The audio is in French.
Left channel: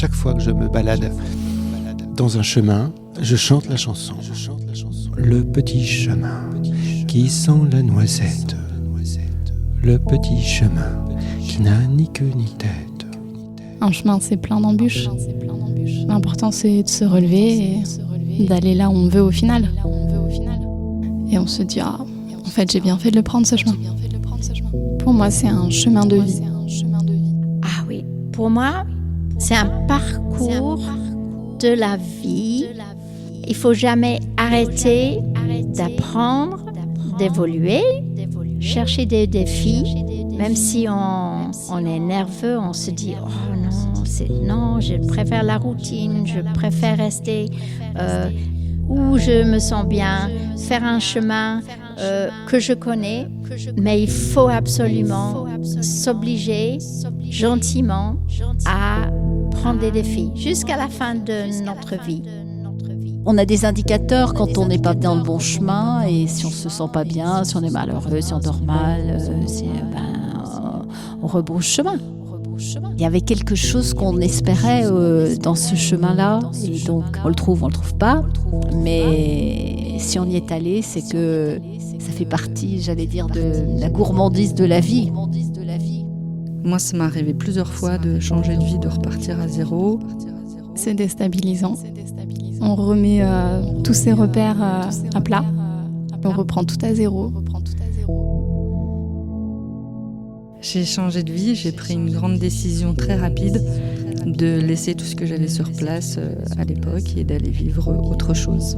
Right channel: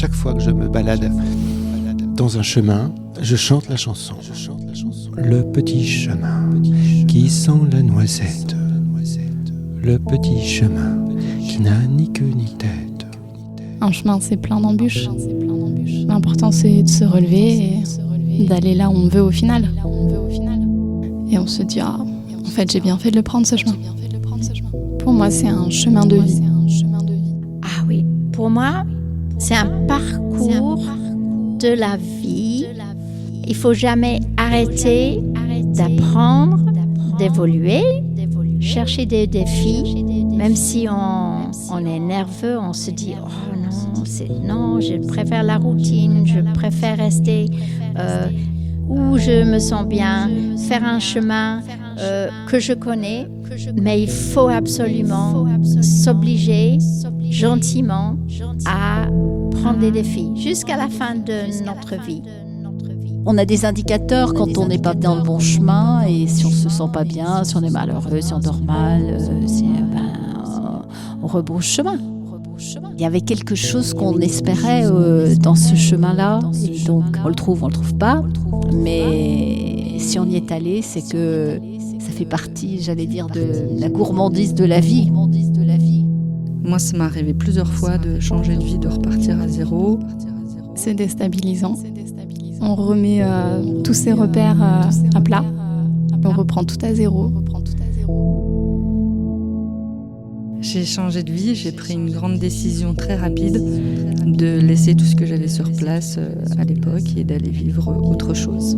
Chaque fois que je me balade dans un chemin, je chante la chanson. Le petit chemin qui sent la noisette. Le petit chemin qui n'a ni queue ni tête. Un chemin, c'est plein d'embûches. L'important, c'est de se relever et d'aller là où on veut au final. Et on se dit, en fait, j'ai bien fait de le prendre, ce chemin. Pour moi, c'est un chemin de vie. Ah oui, pour moi, c'est un parcours de la vie. Il faut jamais arrêter d'apprendre, d'évoluer, chercher des défis. Même si on est nerveux, on se dit « Oh non, je préfère la routine, je préfère rester où je me sens bien, faire un chemin que je connais. » Mais il faut absolument s'obliger gentiment à prendre des défis jusqu'à la fin de notre vie. On a des indicateurs quand on n'est pas dans le bon chemin et si on se sent pas bien, si on est malheureux, si on dort mal, on rebrousse chemin. Il y avait quelque chose qu'on espérait dans ce chemin-là et donc on le trouve pas, mais si on y est allé, c'est que ça fait partie, j'allais dire, de la gourmandise de la vie. Moi, ça m'est arrivé plusieurs fois de changer de vie, de repartir à zéro. C'est déstabilisant. On remet tous ses repères à plat. On reprend tout à zéro. J'ai changé de vie, j'ai pris une grande décision très rapide de laisser tout ce que j'avais sur place à l'époque et d'aller vivre autre chose.